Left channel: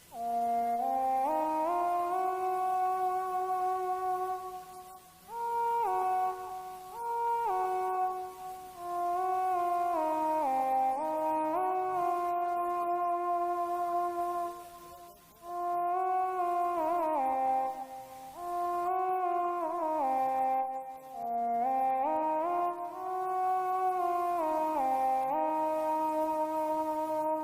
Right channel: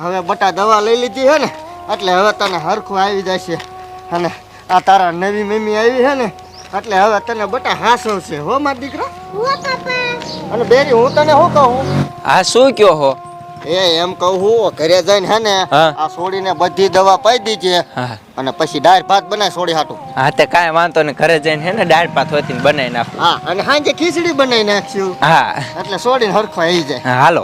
હવે બટા દવા લઈ લીધી હે ને એટલે હવે તને હરખું આવી જશે અને આ તારા નવી મમ્મી આવી હે ને એટલે હવે તને બટા હાસવશે હો મારા દીકરા. અને બેરી હું તને શું કહું? આ શું કયો હો? એમ કહું હું ઘરે જઈને હે ને આ છોડીને બધી દવા પાઈ દીજે અને પછી દાળ ભાત બનાવી છોડી હાટું. હા તે કાંઈ વાંધો ને ઘરે જઈને હે ને દાળ ભાત હોતી બનાવી નાખું. હા અને સાંજે ખીચડી બનાવી નાખશું. હા એટલે છોડીને હરખો આવી જાય. હા હાલો.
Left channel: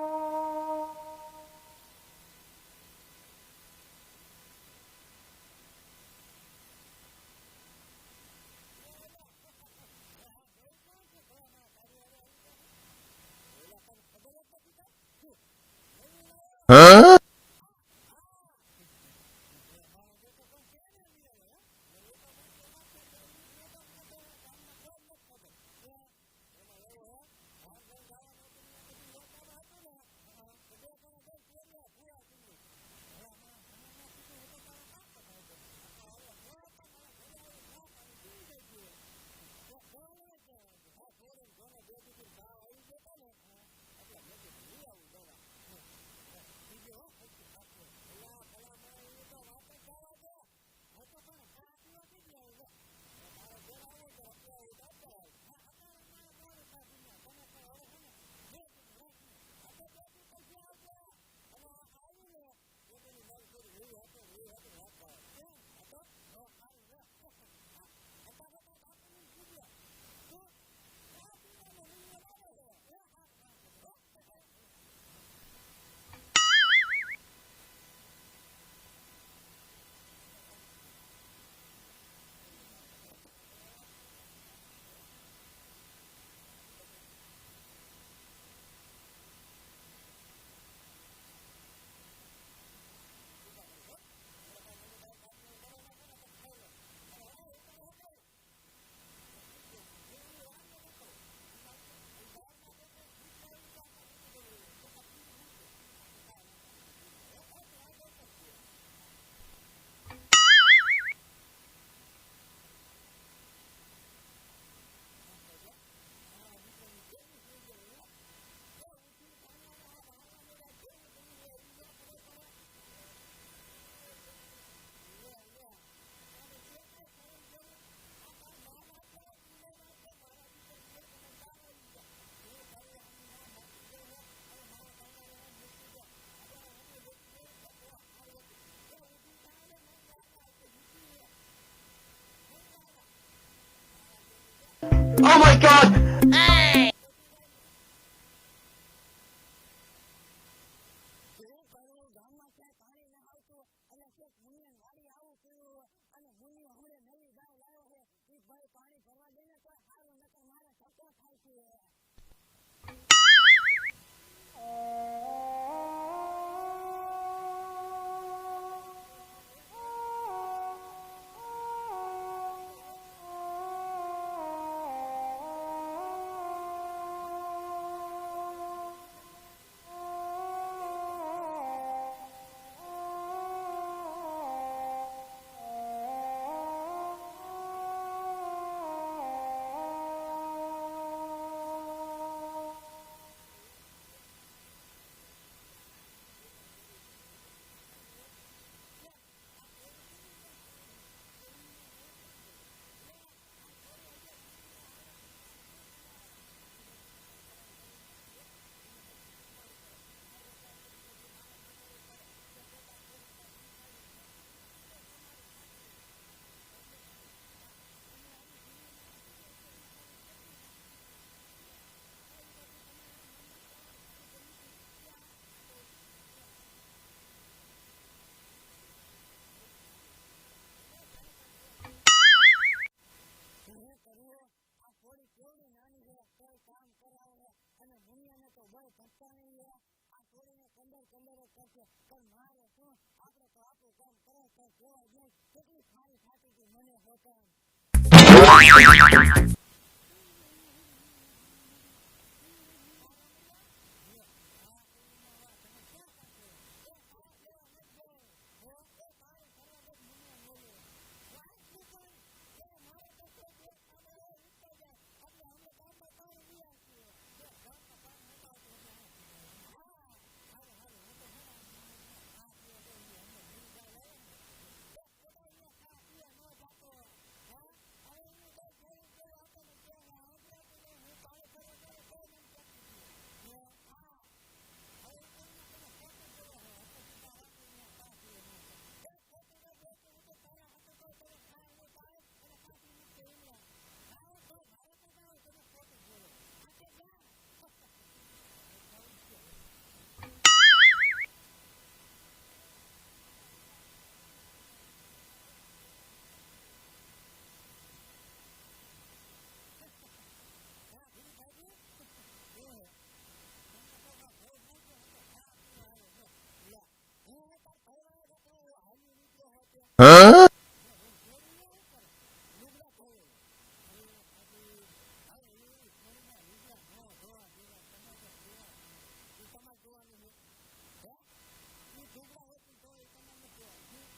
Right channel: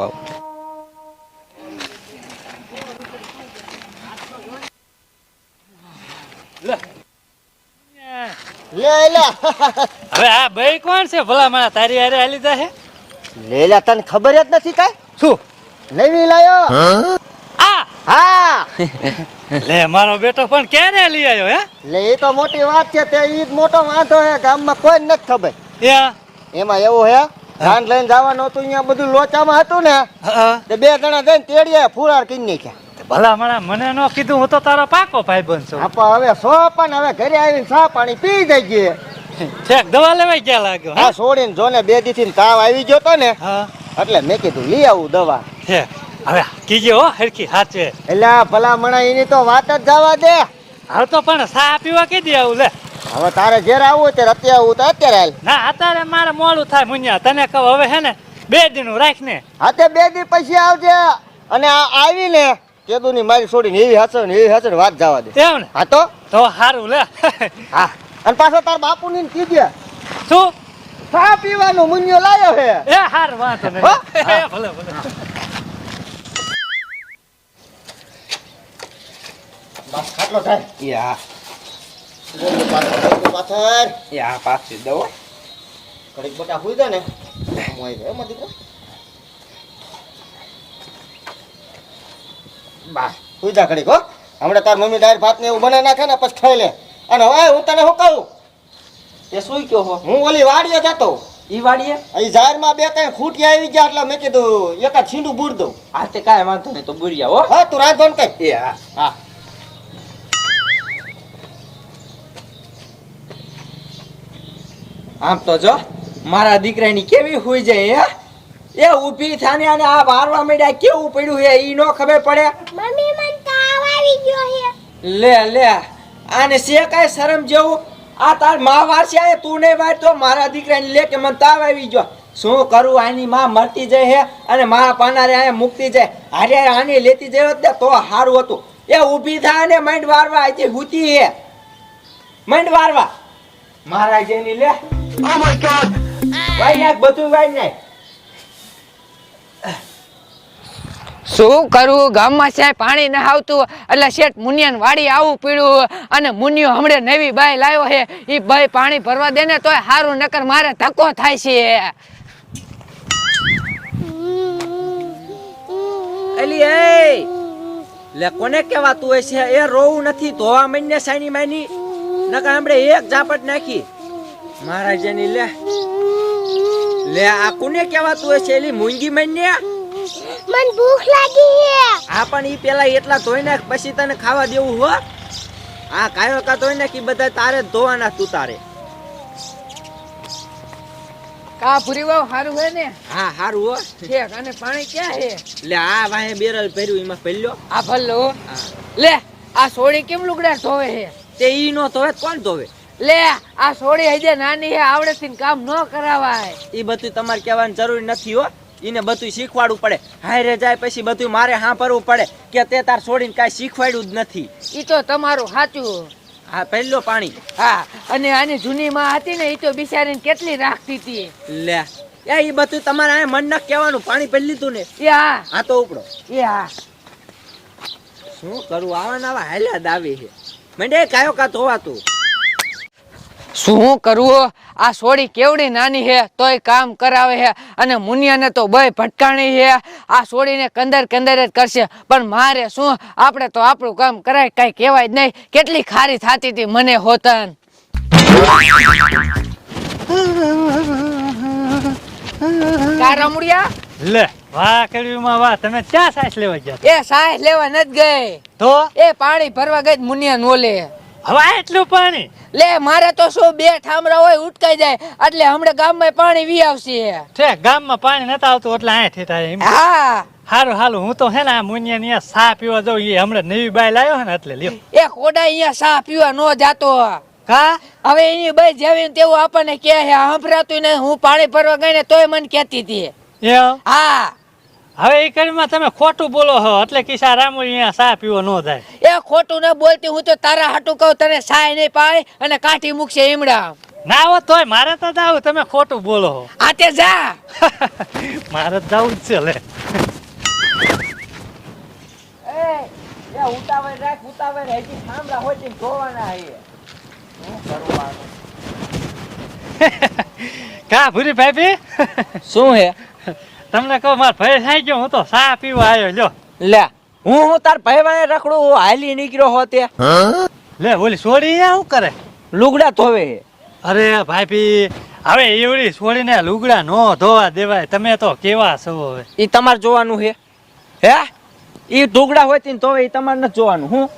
હવે આ ભાઈ કોણ છે ભલા મારા તારી હારે હાલી જાહે? લેલા તને ખબર જ નથી કાઈ? શું નવી લાયો? આ હા લે મારો બેટો પણ ક્યારે લઈ આવ્યો હે? લે એ તો મોટી વાત છે તે ઈ જ મોટો વાંધો હે ગામમાં કોઈ નથી ખબર. એમાં એવું હે ધાન લઈને જવાનું હતું અહીંયા બધું લોચામાં હતું ને તે બે જણા જઈને તેડીએ ફુરાર કરી નાખ્યા. ભલા મારા મને નો કીધું હું તો તારો પાકો ભાઈબંધ છું. આપા હવે સો પણ હવે ઘરે આવીને ચા પાણી પી જઈએ. ઠેક દવા લેવાય ક્યાં લાગ્યો? હા છોડીને જોને બે દીથી તાવ આવી ગયો તો ને એટલે મેં કીધું લઈ આવું દવા. હવે કીજે હો હરખી સાચે. એટલે ભલા મણા એની તો વાત જ જવા દે. હવે તો પણ ચા પીવા કીધી આવું લે. હવે તારે જ્યારે આવું હોય ત્યારે અત્યારે આવું તો અત્યારે હાલ. ના અત્યારે મારે મોડું થાય મુન્યા તને કહું હવે હે ને 2 દિન રાખ ને. હા તે 2 દી પછી આવજે અને આવીને કેદુ ની મારી છોડીને એવી હસન વાત જવા દે. એમ ને? હા તો સારું લે. હા અને પાછો તાર બાપુ ની કીધે શું ચા પીવાનું મુન્યો લાયો હે. એ હાર વાંધો નહીં. ભલે ભલે. બસ ખાટલો થાય. યા પાછળ યા પાછી દો. કડીક બટા હુઈ જાય ને મોય ગયો એમાં દીકરો. બસ હુઈ જા કડીક હો. હમણાં તાર મમ્મી દાળ ભાત ને એવું બનાવી નાખે ને પછી ખાઈ લે. અને હવે હું તને શું કહું? એ શું કયો હો? હું ઓલી વાડીએ જતો. ઈ વાડીએ? અહીં ઝાડમાં 2 ખૂટિયા આવી ગયા એટલે મેં કીધું એકાદ છીંડું બૂર દઉં. આ તે કાંઈ વાંધો નહીં તો બુરિયા હો. હા તું રાંધણ કઈ. એ હા હા આમ તો જો મારા દીકરાની કેવી હોઈ જાય હે એ ઊભી થાને અને આ વારવા માંડ્યા કેવું પડ્યું હે ઈ નો ખબર પડે. મમ્મી મને તાવ આવી ગયો હે. લે આને સે કાય શરમ જેવું આ તાર માં વારસી આય તું ને વાર તો મારા દીકરાને લે કે મને તાવ આવી ગયો. શું કરું આની માં મરતી જાય હે અને માં પાનારે આય મુકતી જાય. હારે આની લેતી જાય ને તો હારું હતું. એ ઊભી થાને માંડ વારવા આતી હુતી હે માંડ વારવા મારા જેની લે. ઓ માય ગોડ વાઈ નાખ બધું વાઈ નાખ. શું કરું ગામમાં છે પાણી ન આવતું એટલે શેઠ મુનિયાન વાડી આવું પીડ્યું અને મુનિયો હમણે નવી બાઈ લાવ્યો છે ઈ બાઈ પાણી ભરવા દે ને તોય હારું નકર મારે ધક્કો થાય છે. એલી એ લે કોને કહેવાતું હોય છે એ રોવું નથી ધોવા મઈને સાની માની નકર હમણે એક ઝાપટ નાખી મારા જેની લે આ કોને કહેવાતું હોય છે એલી મૂંગી મઈને. મને ભૂખ લાગી હે. આ પણ ઈ પેલા એટલા ધોઈ નાખ પછી તને ખાવા દેવું હો. આ કાયો કા ધોઈ નાખ ઈ બધા તારે ધોવાના તું તારે. કા પૂરી વાવ હારું હે ને? હા હારું હો. ઠીક અને પાણી ક્યાં હે? લે આ વાહે બેરલ ભર્યું એમાં ભલ્યો. આ ભલ્લો લે આ સોડી કેમ લુગડા ધોવે હે? તે ઈ નો ધોવે કોણ ધોવે? લે આ સોડી હજે નાની હે આવડેથી કામ ન કરાવાય. ઈ બધું તમારે કહેવાની જરૂર નથી હો. ઈને બધું શીખવાડવું પડે. હારે જાય પછી બધું મારે સાંભળવું પડે કે તે તાર છોડીને કાંઈ શીખવાડ્યું જ નથી. ઈ તો તમારું સાચું. હા પહેલો પાણી. હા અને આની જૂની માં હતી ને ઈ તો બિચારીને કેટલી રાખતી હતી. લે એ ઈ બધું તમારે આ મન ન કહેવાનું પાણી પી લીધું ને. એ હા આ તો ઉપડો. એ હા શું કરું આવા નવા હાલ્યા દાવી છે મંડે કાયો કા ધોવાતું. શું કરવું આ સોડી કેવડી નાની હે તોય કામ કરાવે હે અને મુનિયાને તો બય ભટકાણી હે. આ સોડીને કંદર જ કરશે પણ મારે શું આપણે તો આપણું કામ કરાય કઈ કહેવાય જ નહીં. કેટલી ખારી થાતી હતી મને હોતન. કા રમુડિયા લે વાહ કેળવીમાં વાહ તમે ક્યાં સાસ લેવા ગયા? એ સાહેબ લેવા નથી ગઈ તો એ પાણી ભરવા ગઈ મુનિયા નોલે. હવે એટલું પાણી લે મારે તો શું બે ઠામડા હોય ઉટકાઈ જાય એટલે હમણાં ગામમાં પાણી વી આવશે. છે ગામમાં પાણી નતા આવતું એટલે અહીંથી થાય એમ. હા હારું હાલું હું તો હે ને આ મુનિયાની અહીંયા સા પીવા જાઉં એ હમણાં નવી બાઈ લાવ્યો હે ને એટલે લ્યો. એ ખોડા અહીંયા સા પીવા નો જાતો. કા હવે એની બાઈ જેવી ને તેવું આપણને કહે છે સંભળાતું ને હું પાણી ભરવા ગઈ ને તોય મને કહેતી હતી. એમ હા હવે એ કરીમાં તમે ખોટું બોલો છો એટલે કિસ્સા રામુ અહીંયા સા પીવો ન થાય. એ ખોટું ન બોલતી હું તો તારા હાટું કહું તને સાય નહીં પાય અને કાઢી મૂકશે ઈમડા. ના હો તોય મારે તો જાવ તમે ખોટું બોલો છો. આ તે જા. મારે જ જવું જ છે લે. એ ઉતાવળ રાખ ઉતાવળ હજી થાંભલા હોય તે જોવાના હે. શું કરવાનું? કા ભૂરી ભાભી શું હે? તમને કહું માર ભાઈ થઈ ગયો હું તો સા પીવા આવ્યો લ્યો. લે હું તાર ભાઈવાને રખડું હાલી નીકળ્યો હો તે લે ઓલી છોડી અહીંયા શું કરે? લુગડા ધોવે હે. અરે ભાભી હવે એવડી છોડીને લુગડા નો ધોવા દેવાય. તમે તો કેવા છો હવે. ઈ તમારે જોવાનું હે હે ઈ ઢુગડા હોય તે ધોવે ઈ તમારે નથી જોવાનું. હું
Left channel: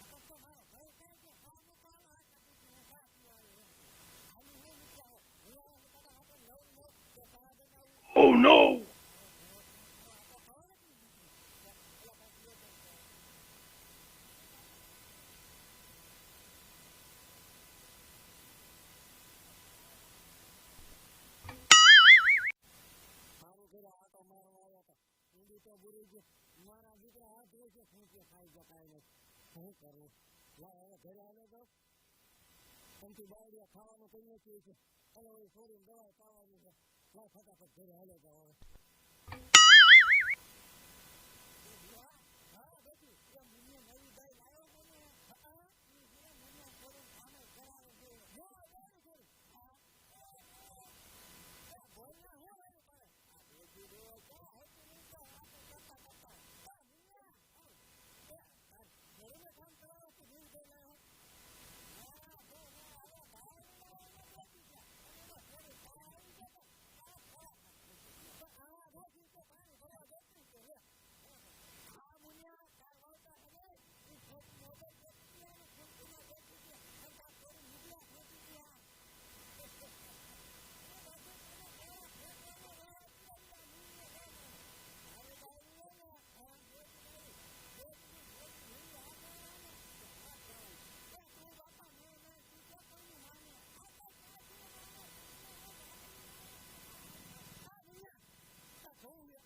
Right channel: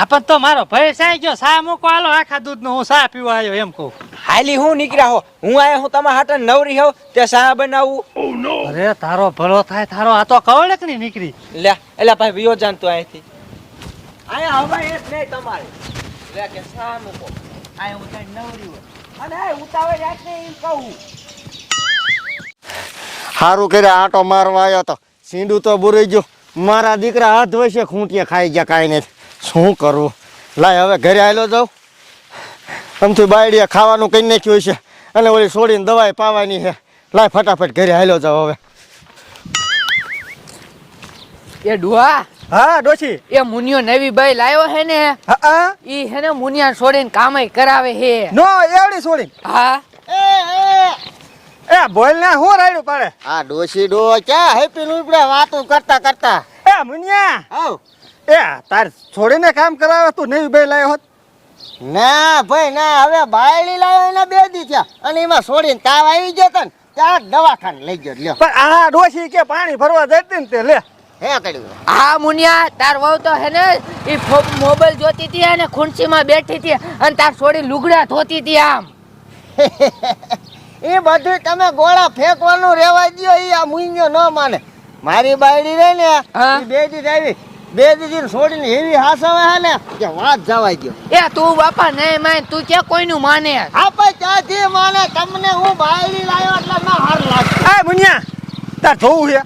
આપણ તો મારો ભાઈ સાઈ ગયો સા મૂકો હાલો આખા દૂધ નો હું સા પીવા આવ્યો એમ કહું. હાલી હું નીકળ્યા હો હું આયા હું તમારા હાટે નવરી હોઉં તે સા બનાવું. અરે તારો ભલો થાય તારો આ તો કવળક ની નીકળી. લે એલા ભાઈ વિયો જાનતો અહીંથી આયા હવા એ જ નહીં તમારે. લે કે સા મૂકો આયા હું તને નવરી હોય અને આ ઉતાવળ રાખ ને એમ કહું. સારું કર્યા આંટો મારવા આવ્યો તો સીંડું તો બુરાઈ ગયું. મારા દીકરા હાથ વસે ખૂંટીએ ખાઈ ગયા કાંઈ નહીં. શું કરવું? લાય હવે ઘરે આવેલો જાઉં. આમથી બાયડીએ ખાવાનું કરી નાખ્યું છે અને ઓલી છોડીને દવાઈ પાવાની છે. લાય ફટાફટ ઘરે આવેલો જાઉં હવે. એ ડુઆ હા ડોશી. એ મુનિયો નવી બાઈ લાવ્યો હે ને હા ઈ હે ને મુનિયા છોડીને કામે કરાવે હે. નો એવડી છોડી. હા એ બોલ ને હું રાયડું પાડે. આ ડોશી ડો ક્યાં હેપી લુપડે વાતો કરતા કરતા. એ મુનિયા આવ. એ તાર છોડીને કામ કરાવે તું નવી બાઈ લાવ્યો હોત. ના ભાઈ ના હવે બાયડી લાવ્યો એના 2 દી થયા અને એમાં છોડીને તાવ આવી ગયો તને ત્યાં દવાખાને લઈ ગયો. લ્યો પણ આ ડોશી કે પાણી ભરવા જતી ને તે લે હે કડ્યું. હા મુનિયા તાર વહુ તો હે ને ઈ મોબાઈલ જોતી હતી અને ખુરશીમાં બેઠી હતી અને તાર છોડી લુગડા ધોતી હતી આમ. એ બધું તમે ગોળા ફેંકવાનું રેવા દો. એ આ મુંજો ન માને. મારી બાયડી રહી ને હા? ઈ 2 દી આવી 2 દી છોડીને એવી હાસવે હે ને કે વાત જવાય ગયો. એ તું બાપા નહીં માન તું કે કોઈનું માને. આપણે ક્યાંથી માને? તમને હું બાયડી લાવ્યો એટલે ના હાર લાગે. એ મુનિયા તાર જોવું છે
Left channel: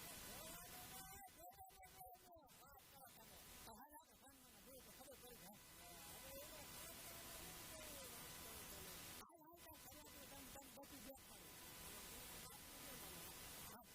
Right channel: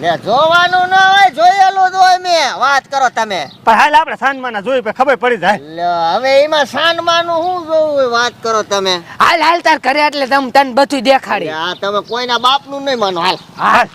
લે જોવાનું ન હોય જોયેલું જ હોય. મેં વાત કરો તમે પણ હાલ આપણે સાંજમાં જોઈ પછી ખબર પડી જાય. લે હવે એમાં સાંજમાનું શું જોવું હોય? વાત કરો તમે. હાલ હાલ તાર ઘરે એટલે તને બધું દેખાડી. આ તમે કોઈના બાપનું નહીં માનો. હાલ હાલ